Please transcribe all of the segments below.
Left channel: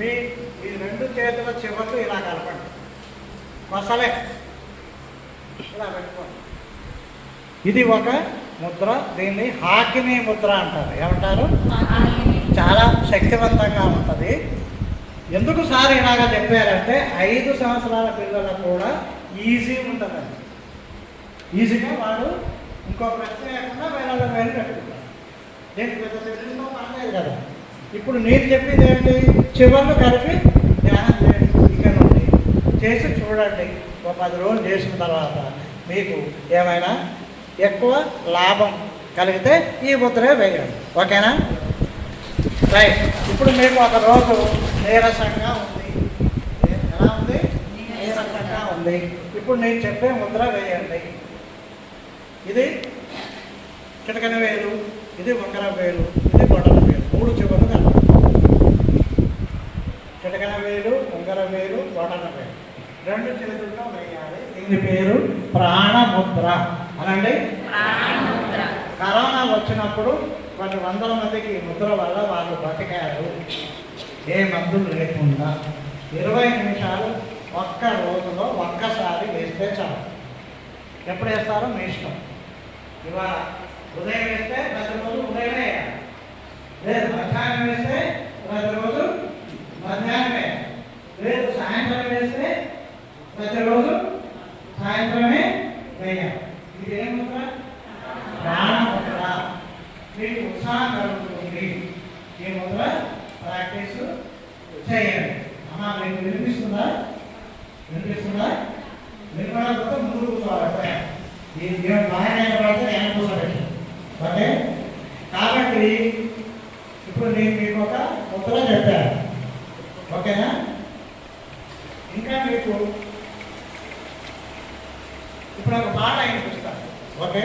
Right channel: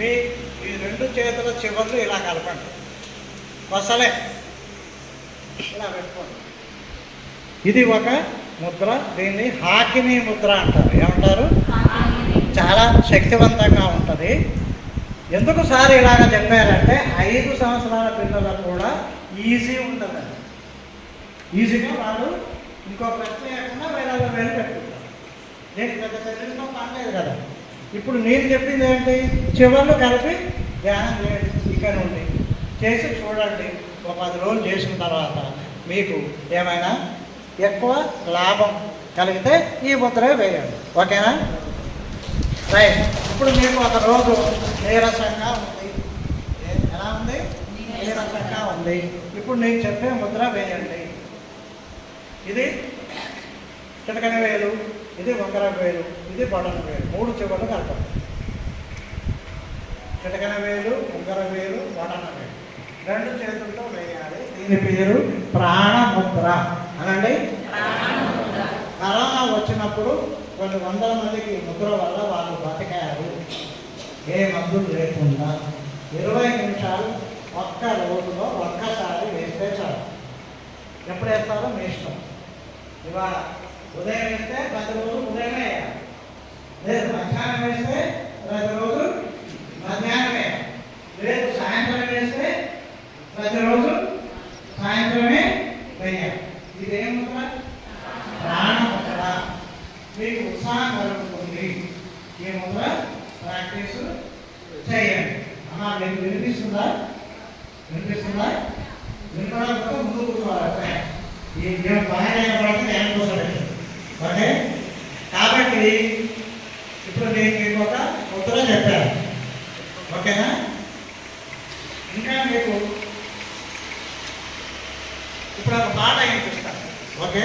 మీ ఈ రెండు చేతుల చివర్లు ఇలా కలపండి. మసలే ఇలా పెట్టుకోండి. ఇది ఒక ముద్ర. దీన్ని హాకినీ ముద్ర అంటారు. ఏమంటారు? చాలా శక్తివంతంగా ఉంటుంది. ఎందుకు సార్ ఇలాగ చెప్పారంటే 5 సంవత్సరాల పిల్లలకు కూడా ఈజీ ఉంటుందండి. ఈజీగా వాడు ఇంకో ప్రశ్న లేకుండా వేళ పెట్టుకుంటారు. నేను పెద్ద చర్చలో పనిలేదు కదా. ఇప్పుడు నేను చెప్పింది ఏంటి? చివర్లు కలిపి ధ్యానం చేయండి. ఇక్కడ ఉంది చేసి చూడండి. ఒక 10 రోజులు చేసిన తర్వాత మీకు ఏమైనా ఎక్కువ లాభం కలిగితే ఈ ముద్రే వేయండి. ఓకేనా? రైట్. ఇప్పుడు మీకు ఒక రోజు నీరసంగా ఉంది. ఎలా ఉంది? నీరసంగా ఉంది. ఇప్పుడు నేను చెప్పే ముద్ర వేయండి. ఇది చిటకన వేలు, ఇది వంకర వేలు, ఇది బొటన వేలు. 3 చివర్లు కలపాలి. చిటకన వేలు, వంకర వేలు, బొటన వేలు 2 చేతుల్లో వేయాలి. దీని పేరు ప్రాణముద్ర అనండి. కరోనా వచ్చినప్పుడు కొన్ని 100 మందికి ముద్ర వల్ల వాళ్ళు బతికారు. ఏ మందులు లేకుండా 20 నిమిషాలు ఒక్క రోజులో ఒక్కసారి వేస్తే చాలు. ఎప్పుడు వేస్తారో మీ ఇష్టం. ఇవాళ ఉదయం వేస్తే ప్రతిరోజు ఉదయమే వేయాలి. లేదు మధ్యాహ్నం వేస్తే ప్రతిరోజు మధ్యాహ్నమే. లేదు సాయంత్రం వేస్తే ప్రతిరోజు సాయంత్రమే వేయాలి. ఇది ఏం ముద్ర? ప్రాణముద్ర. మీకు ఉత్సాహం కలుగుతుంది. ఈ ముద్ర ప్రాక్టీస్ చేయండి. అమ్మా మీకు వినిపిస్తుందా? మీరు కూడా ముందు కూర్చోవాలి. ఈ బాగా పడితే నేను కూర్చోండి. ఓకే? కాబట్టి ఇప్పుడు నేను మీకు ఒక ముద్ర చెప్పాను. ఓకేనా? ఇంకా మీకు ఇప్పుడు ఒక పాట వినిపిస్తాను. ఓకే?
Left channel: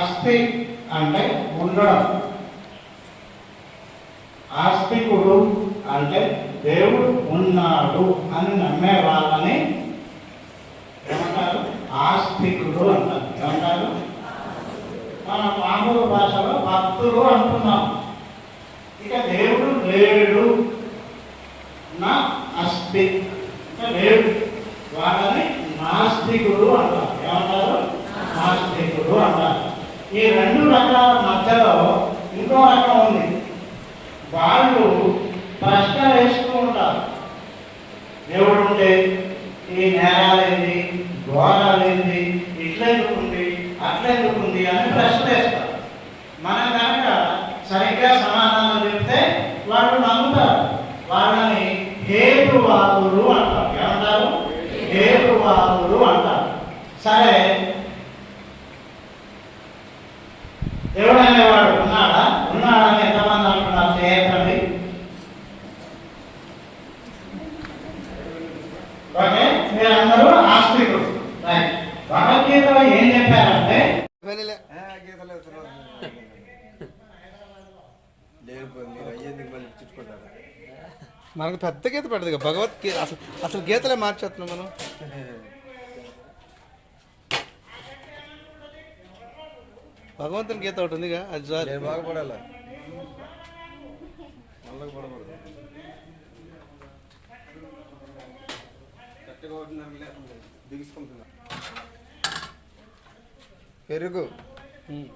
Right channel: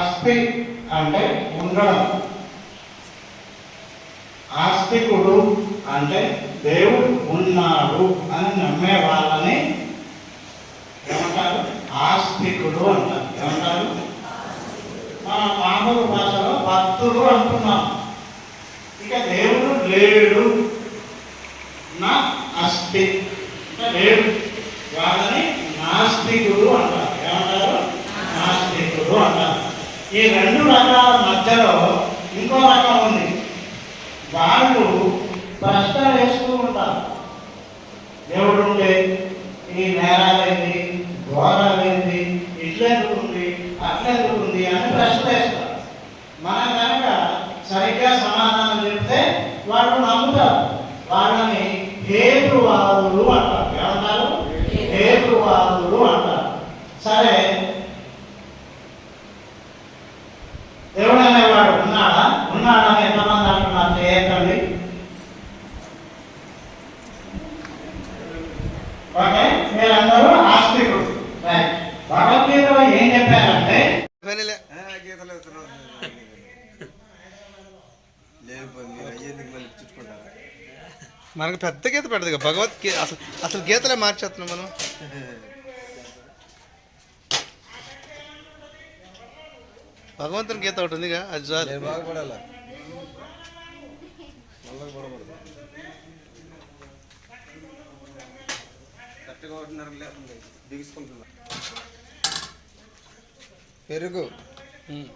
ఆస్తి అంటే ఉండడం. ఆస్తికుడు అంటే దేవుడు ఉన్నాడు అని నమ్మే వాళ్ళని ఏమంటారు? ఆస్తికుడు అంటారు. ఏమంటారు? మన మామూలు భాషలో భక్తులు అంటున్నాం. ఇక దేవుడు లేడు, నా అస్తి లేడు, వాళ్ళని నాస్తికుడు అంటారు. ఏమంటారు? నాస్తికుడు అంటారు. ఈ 2 రకాల మధ్యలో ఇంకో రకం ఉంది. వాళ్ళు ప్రశ్న వేస్తూ ఉంటారు. దేవుడు ఉంటే ఈ నేరాలేంది, ఘోరాలేంది, ఇట్లెందుకుంది, అట్లెందుకుంది అని ప్రశ్న వేస్తారు. మనం కనుక సరిగ్గా సమాధానం చెప్తే వాళ్ళు నమ్ముతారు. వాళ్ళని హేతువాదులు అంటారు. ఏమంటారు? హేతువాదులు అంటారు. సరే, దేవుడు అనేవాడు ఉన్నాడా? ఉన్నాడని ఎంతమంది అంటున్నారు? చేయకండి. ఓకే, మీరందరూ ఆస్తికుడు. భగవద్గీతలో ఏం చెప్పారంటే మనకు పెద్ద గీత పెడదు భగవద్గీత. అసలు గీతలే మార్చేస్తున్నాం మనం. భగవంతుని గీత ఒకటి ఉందిగా, అది చాలు. బాగుపడాల పెరుగు ఉమ్.